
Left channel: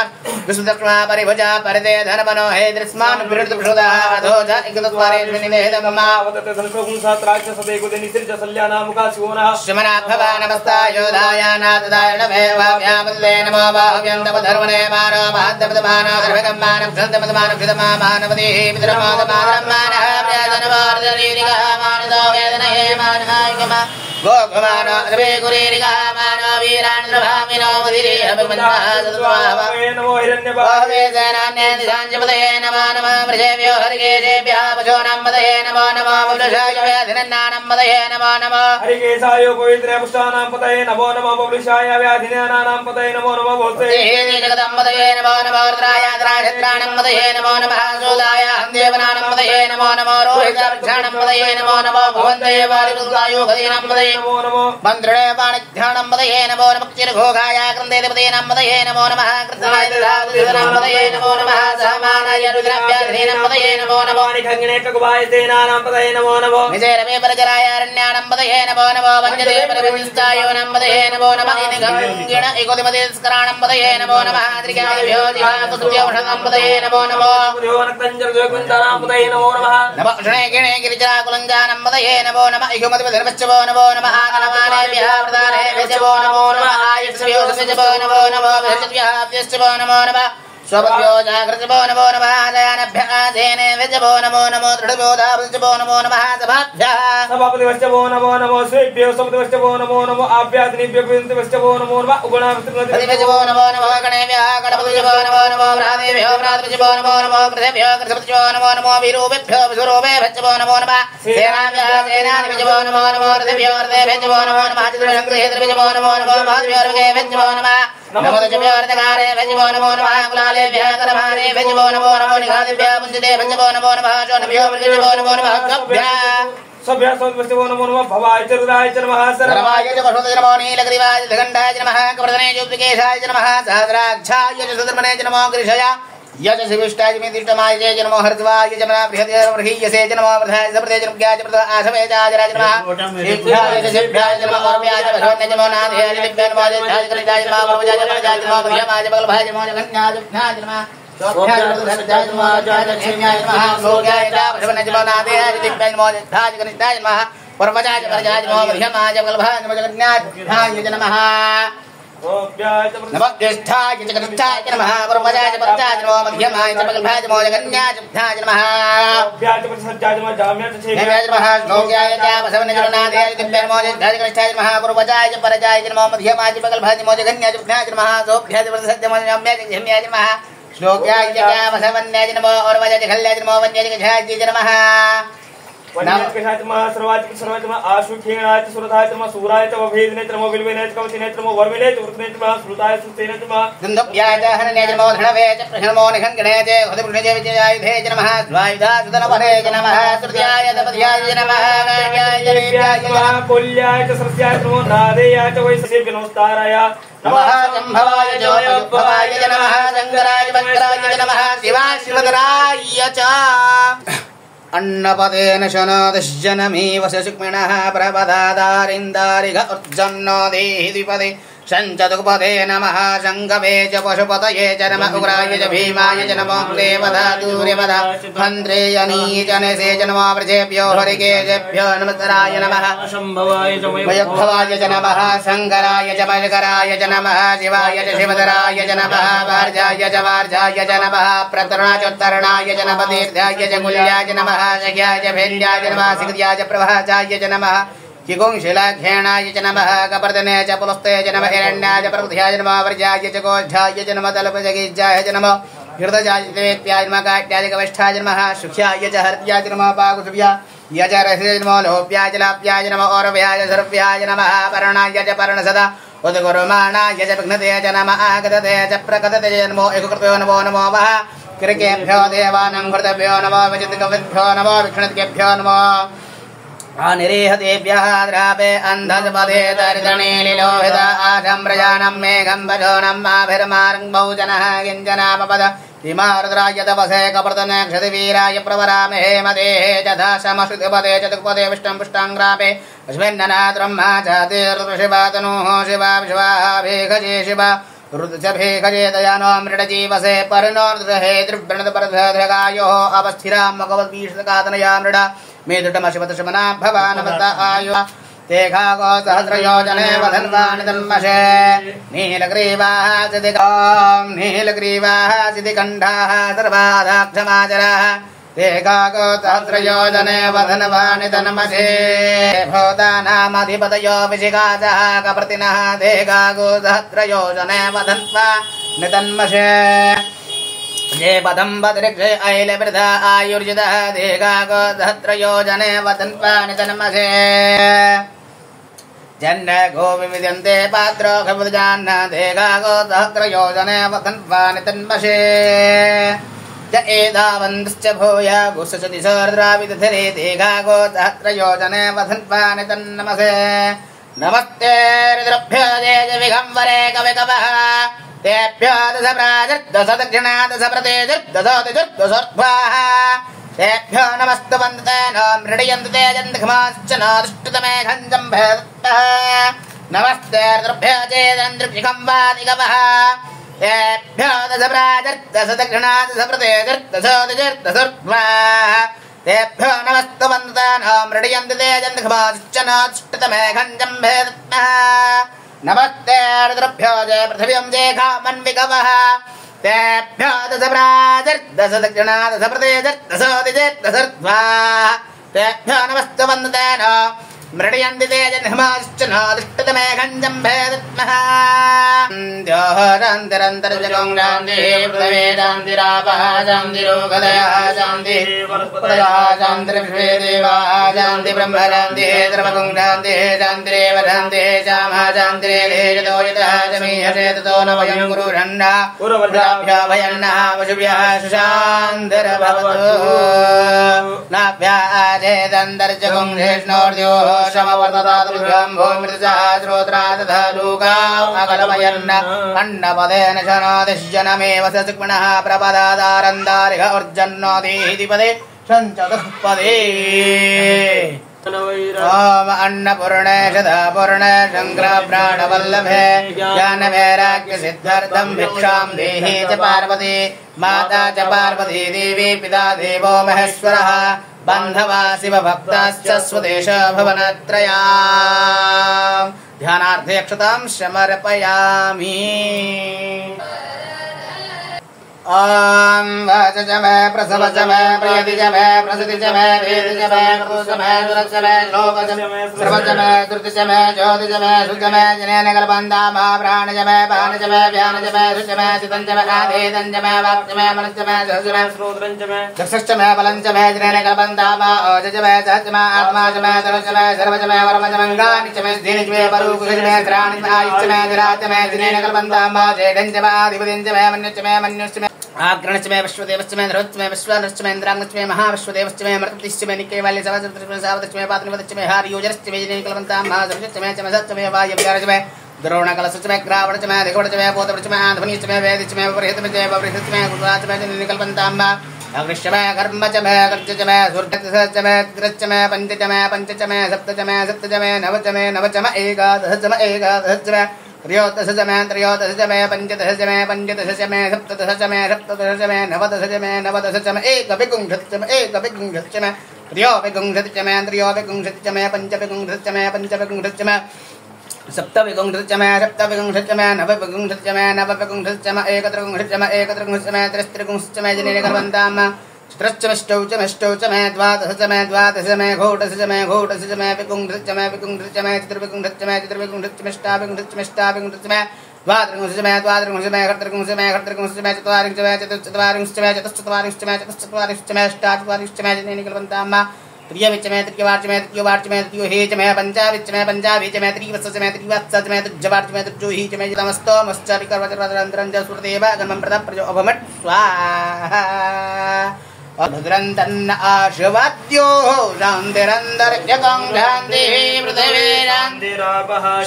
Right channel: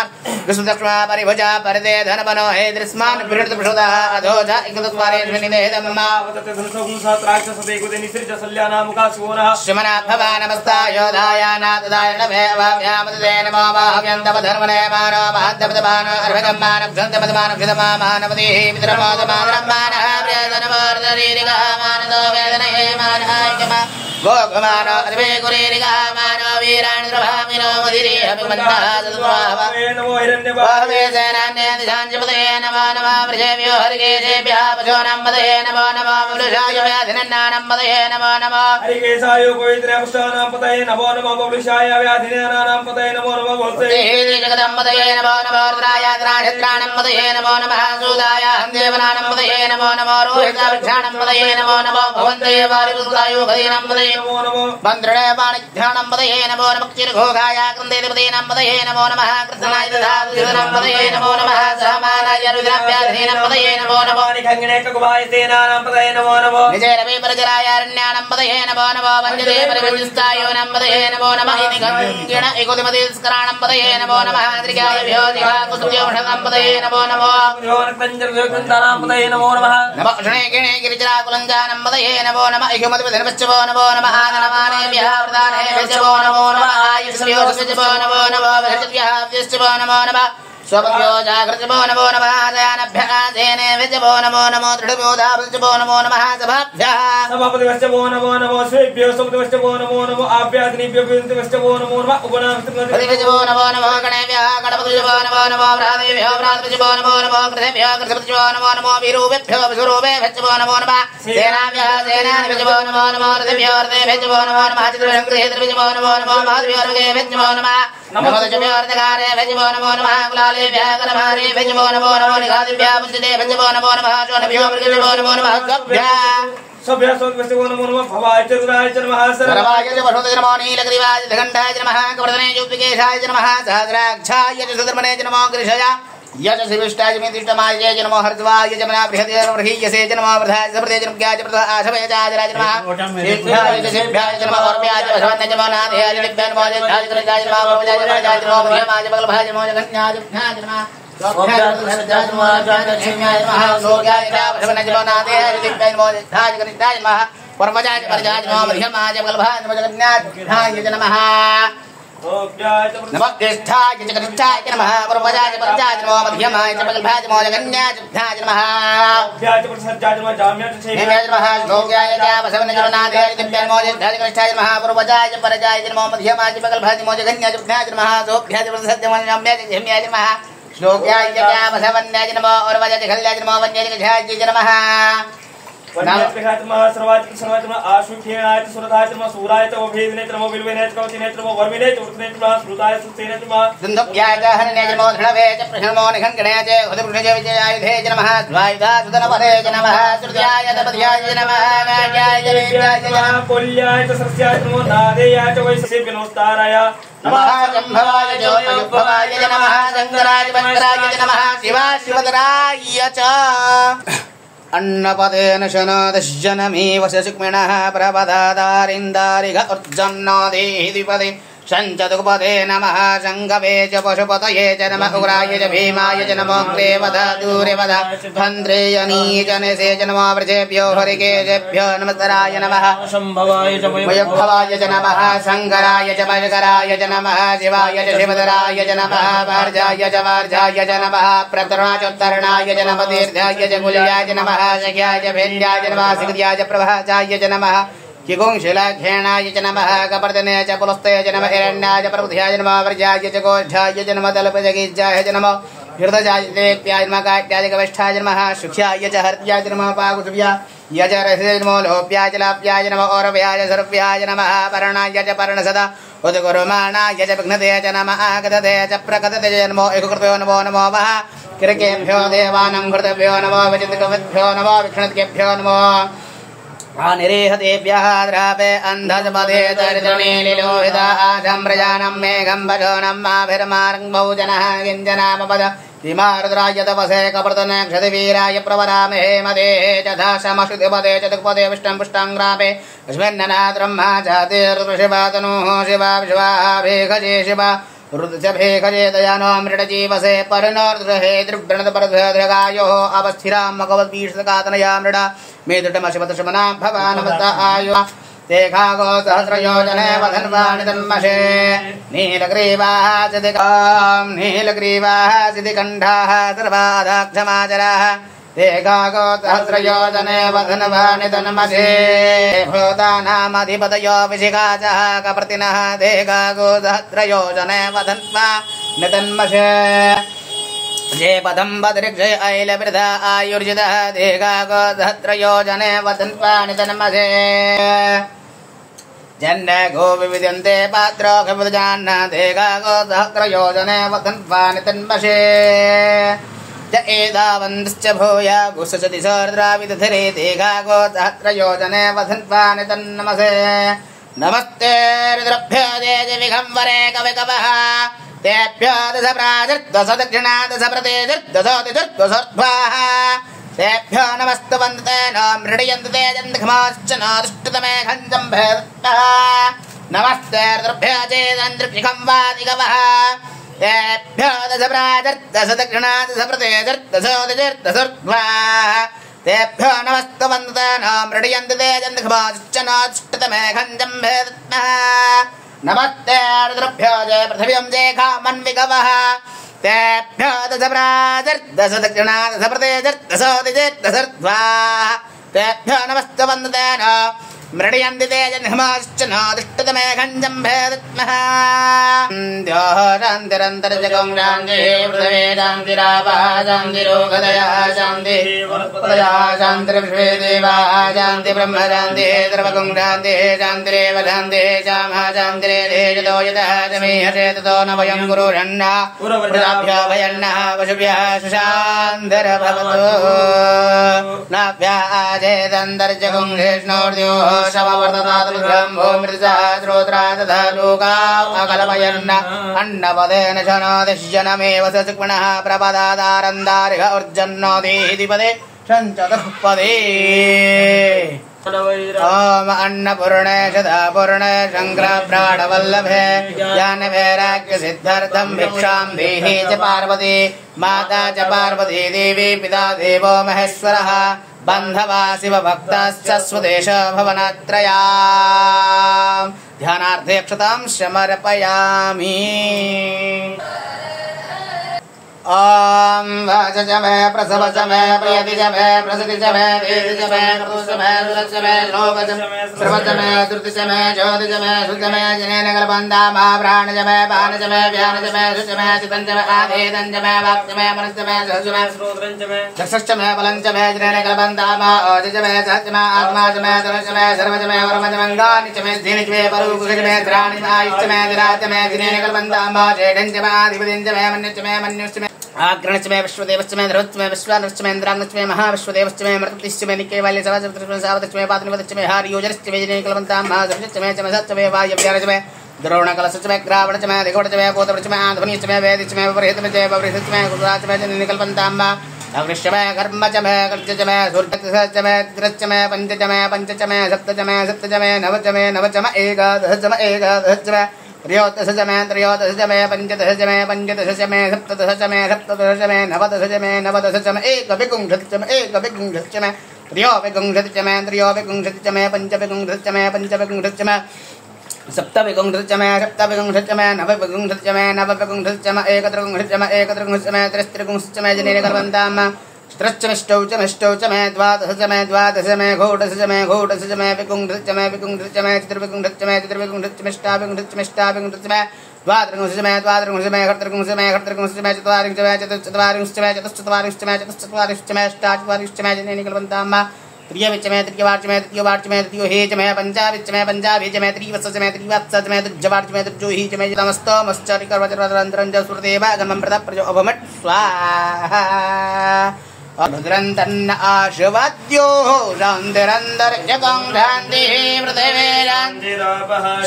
विष्णुदक्ष्मा परिभुजा परिदे धनवनो हे दृश्मान विरुद्ध प्रसोदः अधोजा इकदत्वारे निनेदम्मा वदते धनसगुणसात्राक्षसदे गुदे निसृज सल्यानामुखा शिवनः श्रमणा भवा नमस्ता योधायानादाय नमे वाम्यामदे नमो वाह्यन्तम धर्मणे मानो महद्दपदमानो अर्भगम्मानं भ्रन्तपदमानं भिदमा मानवदे विद्रमादमानमानः प्रेदनवर्धनीरिगः मानदो वेदने मानहायिकमा गोगमानो अर्वे गुरेरिगः मानो वीराण्द्रभामिनो मदिरे अभिमन्यः नमो हिरण्यवाहवे सेनान्ये दिशाञ्जपदये नमो नमः वृषेभ्यो हरिकेशेभ्यः पशूनां पदये नमो नमः मृषाय व्याधिनन्नानां पदये नमो नमः हरिकेशाय पवित्रपुष्टानां पतये नमो नमः वृषाय व्याधिनन्नानां पतये नमो नमः भवते जगदं पदये नमो नमः रुद्राय द्राक्षत्राणं पदये नमो नमः सूदाय देवनानं पदये नमो नमः रोहिताक्षाणं पदये नमो नमः भवन्ते वारिपुत्रायो गदीनां पदये नमो नमः मन्त्रे पाणिध्यानं पदये नमो नमः चिरघोघाय कृन्देवदेनां पदये नमो नमः कृष्णाय दधातुनां पदये नमो नमः सहमानाय रुद्राभ्याधीनां पदये नमो नमः निखङ्गिने ककुभाय सेनानां पदये नमो नमः निजैरवे परजराय अरण्यानां पदये नमो नमः वञ्जते परिवञ्जस्तायोनां पदये नमो नमः निखङ्गिण एकोदिमतिस्कराणं पदये नमो नमः त्रिकायभ्यो जिहाकुसुभ्योषणां पदये नमो नमः पुर्योनक्तञ्जर्गोकुन्तानां पदये नमो नमः नमः षणे गिरिजराकुलञ्जानं पदये नमो नमः इगुमतिपतिर्वच्चवो नमो नमः गणमानेभ्यः वरदानेभ्यो नमो नमः आयुष्भ्यो नमो नमः बृहस्पतिभ्यः नमो नमः स्वपत्यो जागृतिभो नमो नमः जयानभ्यः सेनेभ्यो नमो नमो दृढबोधाभ्यो नमो नमः सभाभ्यः सभापतिभ्यो नमो नमो श्रीभ्यो सभापतिभ्यो नमो नमो आभ्यादिनीभ्यो नमो नमः उगुणाभ्यो नमो नमः गणेभ्यः गणपतिभ्यो नमो नमो भ्रातेभ्यो भ्रातृभ्यो नमो नमो कृतेभ्यो कृतभ्यो नमो नमो वीरूभ्यो विशुरूपेभ्यो नमो नमः सेनाभ्यः सेनानिभ्यो नमो नमो रथेभ्यो रथेभ्यो नमो नमः चित्रशङ्करेभ्यो नमो नमो महादेव्यो नमः नमोदजभ्यो अर्धकारेभ्यो नमो नमः कुलालेभ्यः करभारेभ्यो नमो नमो निघादिभ्यः पुंसतेभ्यो नमो नमः चोनभ्यो मृगभ्यो नमो नमः गभ्यः सभ्यः सौभ्यस्य नमो नमः भवाय च रुद्राय च नमः सर्वाय च वसुदेवाय नमो नीलग्रीवाय च घण्टाय च नमः कवर्धने च उपकेशाय च नमः सहस्राक्षाय च सुधर्मणे च नमो गृषया यज शिविष्टाय च मेतिष्टमाय च नमो हर्षवाय च मना बृहद्यसे च नमो वृधाय च प्रदे च नमः च प्रदा आशवे च राज नमः शिभ्याय च नमः और्व्याय च भगवन्ते च नमो नाथयाय च दिव्याय नमो च धाय च नमः भवजाय च नमो ब्रह्माय च बलभाय च नमो गण्याय च नमः सोभ्याय च नमो शिव्याय नमः सोग्याय च भगवन्ते च नमो नाथयाय च दिव्याय नमो च धाय च गण्याय च नमः परमजाय च परजाय च नमो ब्रह्माय च बलभाय च नमो गण्याय च नमः नमः ज्येष्ठाय च कनिष्ठाय नमः पूर्वजाय च परजाय नमो मध्यमाय च पगल्भाय च मोजगन्याय च बुद्धाय नमः नेम्याय नमः श्लोक्याय च बसवनजनादेय च नमो ज्येष्ठाय च कनिष्ठाय नमः पूर्वजाय च परजाय च नमो मध्यमाय च पगल्भाय च मोजगन्याय च बुद्धाय नमः सोभ्याय च सत्यमन्याय च झम्याय नमः श्लोक्याय च बसवन्याय च नमो पूर्वजाय च खल्याय च नमो वन्याय च झाय च नमः अन्नपदेन शनदश्जनमी वसशिक्मिणः प्रपदादारिन्दारिघ उर्जन्नो देहि द्विपदे शञ्चतुपदे नमः शङ्गवे च पशुपतये च नमः उग्राय च भीमाय च नमो देवता दूरेवद मन्त्रेयनी च नसे च नमो वृषेभ्यो हरिकेशेभ्यो नमस्काराय नमः मयभवाय च नमः शङ्कराय च मयकराय च नमः शिवाय च शिवधराय च नमः वार्जाय च वार्जाय च नमः प्रतरणाय च नमः दीर्घाय च कुल्याय च नमः शक्याय च भेन्द्याय च नमः सिद्ध्याय च प्रभाजाय च नमः किगुंशिलाघ्याणाय च नमः कपर्दने च पुलस्ते च नमः हिरण्याय च प्रबुद्ध्याय नमः वर्जाय च गोष्ठाय च नमः दलपजगिज्जाय च नमः हृदयाय देत्याय नमः काट्याय कविष्ठाय नमः सुख्याय च हर्याय च नमः पाकुसुभ्याय च रहिताय नमः लोभ्याय च लाभ्याय नमः औरभ्याय सर्व्याय नमः पर्णाय च पर्णसदा उद्गुरुमाणाय च विघ्नते च नमः आगतते च प्रकटते च नमो एककृतो नमो नमो वः किरकेभ्यो देवानां कृतभ्यो नमो विचितकविभ्यो नमो विष्णुभ्यो नमो निरीहतेभ्यः द्रापे अन्धजपदे दरिद्रणे निलोहित आशम्प्रजानं मेघं भजोनं माभिर्मार्गौ जनः किञ्जनापपद किमारुद्राय तपसे कप्रतने क्षतिवीराय प्रवरामहे मदेः यथा समश्रुतिपदे चतुःपदे विष्टं पुष्टाङ्ग्रापे अस्मिन्ननात्रम्मा जातिर्शिवातनुः शिवा विश्वाभेखजे शिवा रुद्रभेखजे दयानो मृडजीवसे परिणोर्दहे दृव्रणतपरधगायोः अवस्थिरां मगवद्वीषकातनया मृड मेदुटमशपतशमना भवानवत आयु तेघागो सहस्रयोजने वधन्वानि तन्मशे नीलग्रीवाः सिद्धिकण्ठाः सर्वादाक्षमाचराः तेघागो सहस्रयोजने वधन्वानि तन्मशे भूतानामधिपतयो विशिखाचः कप्रतिनः तेघागो सहस्रयोजने वधन्वानि तन्मशे ये पदं बदृक्षे ऐलवृथा आयुर्जितः देगागो सहस्रयोजने वदन्वानि तन्मसे जन्न गो विविद्यन्ते पात्रो खविदजान्न देगागो सहस्रयोजने वदन्वानि तन्मसे च एतावन्तश्च भूया गुसचति सहस्राविदधरे देगागो सहस्रयोजने वदन्वानि तन्नमसे नमस्ते रुद्रभ्यो जय विघम्बरे कविकवः तेभ्यो दशप्राजर्दशदक्षिणादशप्रतेजर्दशोतिजर्दशोर्ध्वाः तेभ्यो नमस्तु वन्दते न मृडयन्तु ते जन्धमाश्च न दुष्टतमे खञ्जम्भेदः नमस्ते रुद्रभ्यो चेदन्द्रिक्षिखं वादिगवः तेभ्यो दशप्राजर्दशदक्षिणादशप्रतेजर्दशोतिजर्दशोर्ध्वाः तेभ्यो नमस्तु वन्दते न मृडयन्तु ते जन्धमाश्च न दुष्टतमे खञ्जम्भेदः नमस्ते रुद्रभ्यो जय पृथिव्यं जय खामन्विगवः तेभ्यो दशप्राजर्दशदक्षिणादशप्रतेजर्दशोतिजर्दशोर्ध्वाः तेभ्यो नमस्तु वन्दते न मृडयन्ति ते जन्मश्च न दुष्टतमे खञ्जम्भेदत्मः शान्तिरन्तर्जगं शान्तिः पृथिवी शान्तिरापः शान्तिरोगदयः शान्तिः वनस्पतयः शान्तिर्विश्वे देवाः शान्ति ब्रह्म शान्तिः सर्वगं शान्तिः शान्तिरेव शान्तिः श्यामः शान्तिरेधेजतो यतः समीहते ततो न वयं गुरुषण्णः पुरभ्यः भयन्नः पशुभ्यः सुशान्तिर्भवतु नाभ्याचेदन्तर्जगं शेष्णोर्द्योः शमवर्ततादुभ्यं भूमृतः श्रोत्रा तथा लोकाः अकलमयन्न अन्नपदेन शनदिश्जनमेव सचिक्मणः प्रपदादारन्दारिह उर्जन्नोदीधिपदे शञ्चतुःपदे ओम अन्नपूर्णे सदापूर्णे शङ्करप्राणवल्लभे ज्ञानवैराग्यसिद्ध्यर्थं भिक्षां देहि च पार्वती माता च पार्वती देवी पिता देवो महेश्वरः बान्धवा शिवभक्ताश्च स्वदेश भवनत्रया ध्यानार्थे अक्षतां समर्पयामि। ॐ वाच मे प्रसव च मे प्रियति च मे प्रसति च मे वेदि च मे कर्तु च मे सुरच मे श्लोक च मे सर्व च मे श्रुति च मे ज्योति च मे शुच मे जनेन कल्पन्ता मा प्राण च मे पान च मे व्यान च मे शुच मे चितं च मे आधेदं च मे वाक् च मे मनश्च मे सहज मे श्रोत्रं च मे चक्षुश्च मे बलं च मे जनेन कल्पन्ता मा ओज च मे सहज मे आत्मा च मे तनु च मे सर्व च मे वर्म च मंगानि च मे धीनि च मे परुक च मे त्राणि च आयुश्च मे दिरा च मे जनेन कल्पन्ता मा जेढं च मे आधिपतिं च मे मन्यश्च मे मन्युश्च मे आग्रणश्च मे विश्वदेवश्च मे धरुश्च मे विश्वानश्च मे इन्द्राग्नश्च मे महाविश्वदेवश्च मे मृतपतिश्च मे निकेवाल्य सवाचश्च मे सावतश्च मे पातनवतश्च मे हार्योजनश्च मे जनेन कल्पन्तां महासर्वश्च मे चमसश्च मे वायव्यारश्च मे द्रोणकलशश्च मे ग्रावणश्च मे अधिगोढश्च मे पोतवृश्च मे आन्ध्वनिश्च मे वेदिश्च मे विपरीतश्च मे विपरीतश्च मे गुरुराश्च मे जनेन कल्पन्तां अवृश्च मे कर्म च मे कर्ज च मे सूर्यश्च मे चित्रश्च मे पंच च मे सप्त च मे नव च मे एकादश च मे एकादश च मे त्रयोदश च मे पंचदश च मे सप्तदश च मे सप्तदश च मे नवदश च मे एकविंशति च मे त्रयोविंशति च मे पंचविंशति च मे पंचविंशति च मे सप्तविंशति च मे सप्तविंशति च मे नवविंशति च मे नवविंशति च मे एकत्रिंशति च मे एकत्रिंशति च मे त्रिस्त्रिंशति च मे जनेन कल्पन्तां त्रश्चमिष्टौ च मे द्वादश च मे घोटश च मे विकुंठश्च च मे चतुर्विकुंठश्च च मे चतुर्विकुंठश्च मिष्टाविकुंठश्च च मे द्वात्रिंशश्च च मे खर्त्रिंशश्च च मे चत्वारिंशश्च च मे चतुश्चत्वारिंशश्च च मे चतुश्चत्वारिंशश्च च मे अष्टाचत्वारिंशश्च च मे जनेन कल्पन्तां त्रियविच्च मे तृतीयवार्च मे तृतीयोवार्च मे तृतीयोहे च मे पंचाविच्च मे पंचाभि च मे त्रिवत्स च मे त्रिवत्स च मे तृज्यवार्च मे तृज्योहि च मे नमस्तमश्चरिकर्वचरवदरन्तरं च श्रुतेव गमं प्रदप्रजो अभमट् स्वाहा भद्रं तन्न आशुवाद्यो शान्तिरन्तरिक्षं शान्तिः पृथिवी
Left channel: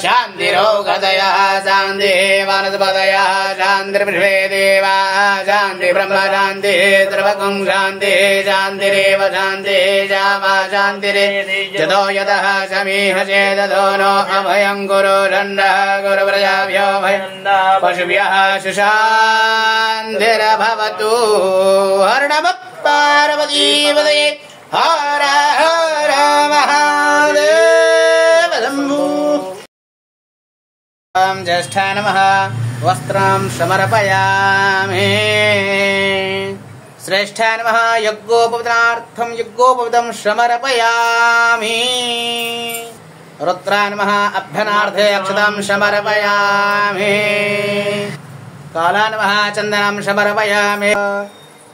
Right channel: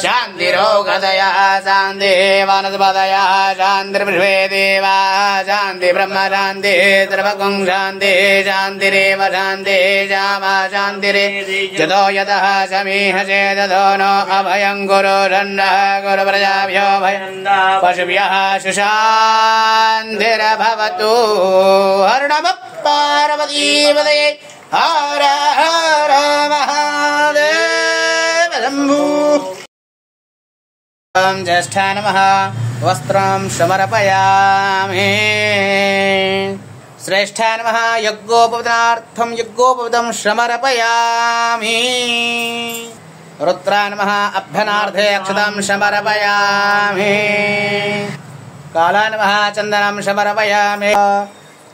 शान्तिरोगदयः शान्तिः वनस्पतयः शान्तिर्विश्वे देवाः शान्तिः ब्रह्म शान्तिः सर्वगं शान्तिः शान्तिरेव शान्तिः श्यामा शान्तिरेजतो यतः समीह चेदतो नो अभयं गुरु दण्डः गुरुप्रजाभ्यो भयं पशुभ्यः सुशान्तिर्भवतु हर्णव पार्वतीपदये हर हर महादेव शम्भो। ज्येष्ठाय नमः वस्त्रं समर्पयामि। श्रेष्ठाय नमः यज्ञोपवीतनार्थं यज्ञोपवीतं समर्पयामि। रुद्राय नमः अभ्यनार्थे अक्षतां समर्पयामि। कालाय नमः चन्दनं समर्पयामि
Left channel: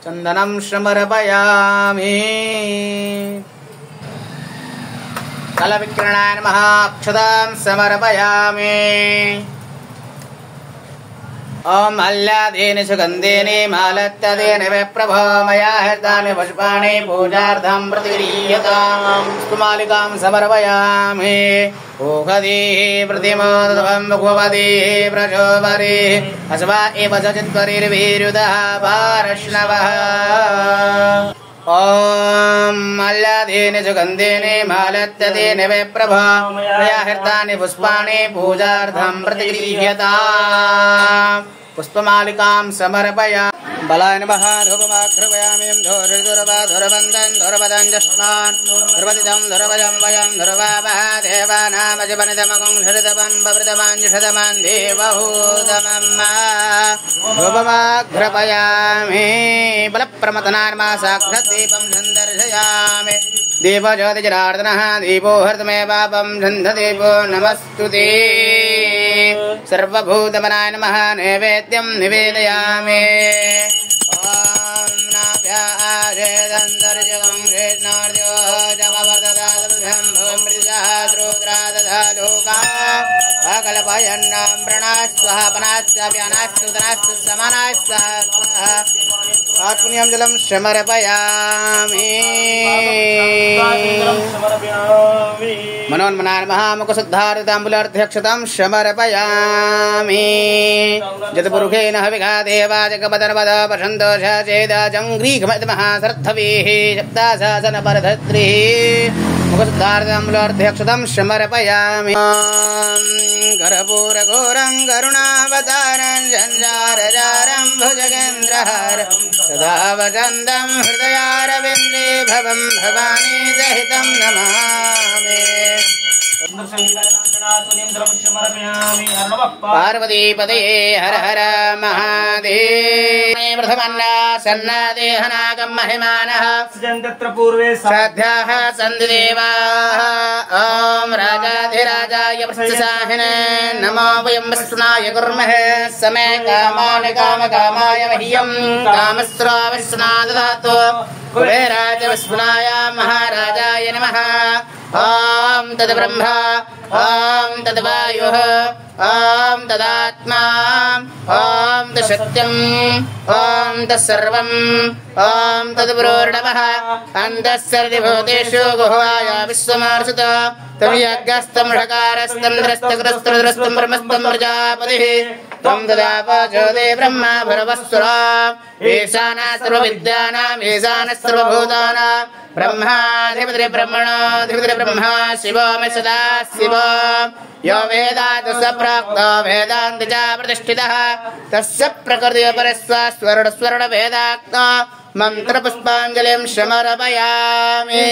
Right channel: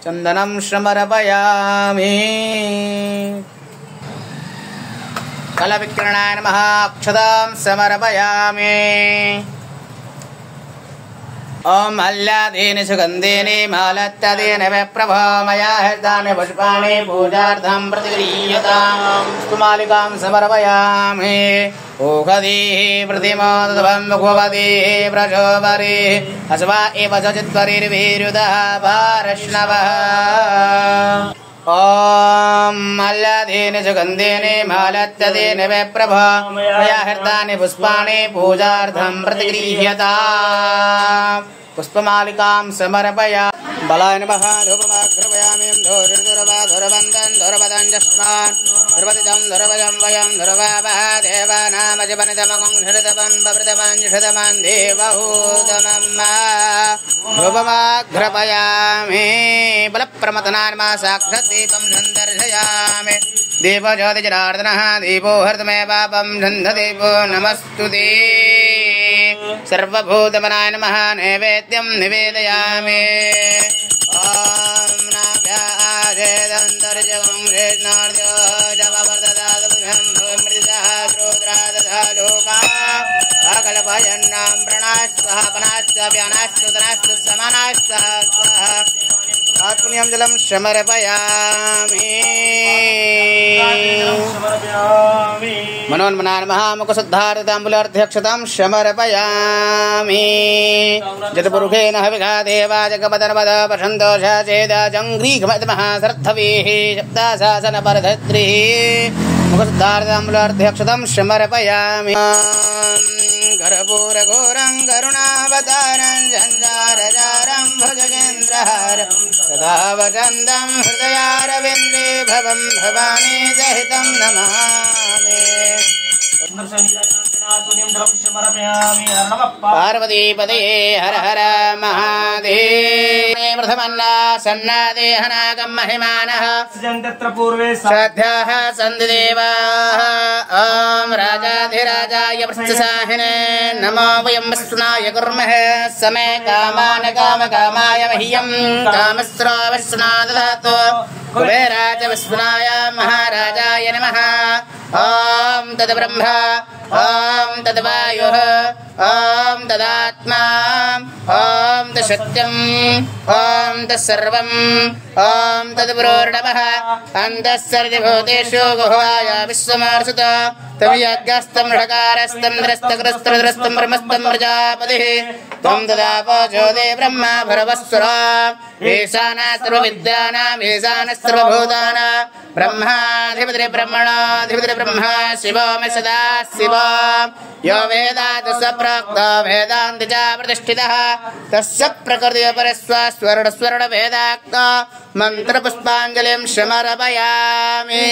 चन्दनं समर्पयामि। कलविक्रणाय नमः अक्षतां समर्पयामि। ओम अल्लादीनि सुगन्धीनि मालत्तदेन विप्रभो मया हृतानि पुष्पाणि पूजार्थं प्रतिगृह्यताम् पुष्पमालिकां समर्पयामि। ओषधीः प्रतिमोदधं मुखपदीः प्रचोपरिः अस्वा एव चित्परिर्भिरुदः पारश्नवः। ओम अल्लादीनि सुगन्धीनि मालत्तदेन विप्रभो मया हृतानि पुष्पाणि पूजार्थं प्रतिगृह्यताम् पुष्पमालिकां समर्पयामि। बलाय नमः धूपमाघ्रपयामि धूर्धुरवन्दं धुरवदं जस्मान् धुर्वदितं धुरवयं वयं धुरवावः देवानामजपनितमकं धृतपं बवृतमञ्जुषतमं देवहूतमं धूपमाघ्रपयामि। बलप्रमथनाय नमः साक्षाद्दीपं सन्दर्शयामि। दीपो ज्योतिजनार्दनः दीपो हर्तमे पापं धन्धदीपो नमस्तुते। सर्वभूतमनाय नमः नैवेद्यं निवेदयामि। ओम नाभ्याजेदन्तर्जगं कृष्णार्जो जपवर्धदादभ्यं भवमृतसहस्रोद्रादधालोका अकल्पयन्नां प्रणास्वः पनास्व्यानास्तु तनास्तु समानास्तु स्वाहा। आत्मनियं जलं समर्पयामि। मनोन्मनाय नमः मुखशुद्धारिताम्बुलार्ध्यक्षतां समर्पयामि। जतपुरुषेण हविघा देवा जगपदर्वद पशन्तोषा चेदा जङ्घ्रीघमतमः श्रद्धवीः सप्ताशासनपरधत्रिः मुखदार्दम्बुलार्ध्यक्षतं समर्पयामि कर्पूरघोरं करुणावतारं झञ्झारजारं भुजगेन्द्रहारं सदा वसन्तं हृदयारविन्दे भवं भवानी सहितं नमामि पार्वतीपतये हर हर महादेव प्रथमन्ना सन्नादेहनागं महिमानः तत्र पूर्वे श्रद्धाः सन्ति देवाः ॐ राजाधिराजाय प्रत्यसाहिने नमो वयं वस्नाय कुर्महे समे कामान् कामकामाय मह्यं कामस्रावस्ना ददातु कुबेराज विस्मनाय महाराजाय नमः ॐ तद्ब्रह्मा ॐ तद्वायुः ॐ तदात्मा ॐ तत्सत्यम् ॐ तत्सर्वम् ॐ तद्ब्रोर्णवः अन्तःसर्वभूतेषु गुह्वाय विश्वमार्षत तमयज्ञस्तं षकारस्तं द्रस्तकृस्त्रद्रस्तं ब्रह्मस्तं प्रजापतिः त्वं तदापचोदे ब्रह्मा भरवस्सुरा ईशानः सर्वविद्यानाम् ईशानः सर्वभूतानां ब्रह्माधिपतिः ब्रह्मणाधिपतिः ब्रह्मा शिवो मे सदा शिव यो वेदात् स प्राक्तो वेदान्त च प्रतिष्ठितः तस्य प्रकृतिपरस्वस्वरणस्वरणभेदात्मा मन्त्रपुष्पाञ्जलिं समर्पयामि।